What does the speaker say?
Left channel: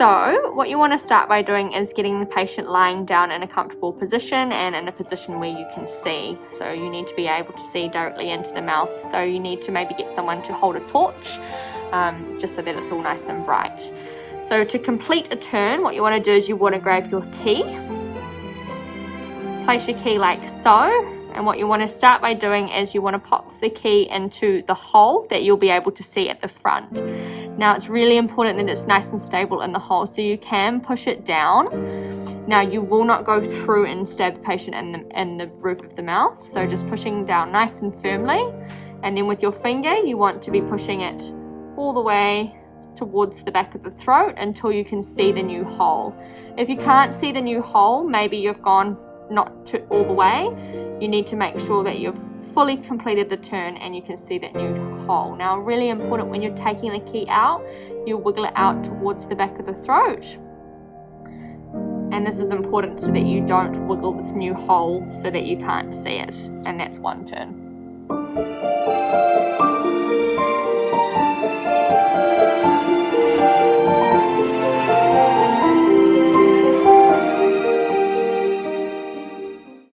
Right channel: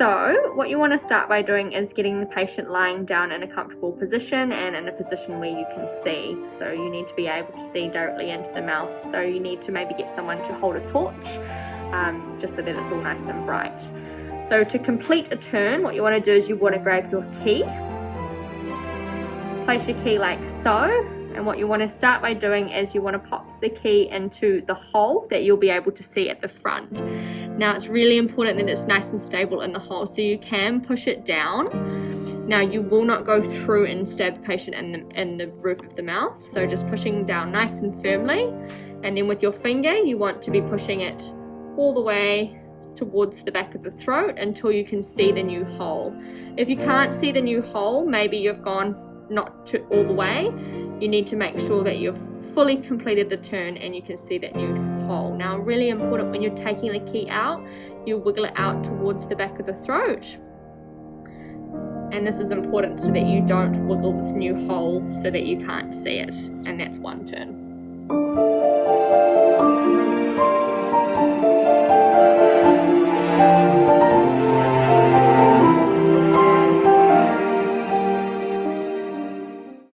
So what you want to start by doing is getting the patient lying down in a comfortable position and in a position where you can see. So you need to be able to see directly into the mouth. So you need to maybe get someone to hold a torch, just so that it's all nice and bright. So to complete a turn, what you want to do is you want to grab your key, place your key like so, and what you want to start by doing is you want to pop the key into the hole that you'll be able to see at the front. Now it's really important that it's nice and stable in the hole, so you can push it down. Now you will not go through and stab the patient in the roof of the mouth, so just pushing down nice and firmly, and then with your finger you want to be pushing it all the way towards the back of the throat until you can see the new hole. If you can't see the new hole, maybe you've gone not to all the way, you need to make sure that you've fully completed the turn and you can see that new hole. Now really important, when you're taking the key out, you wiggle it out towards the back of the throat, and this is important so that you don't wiggle this new hole so that you can't see it, and that's one turn.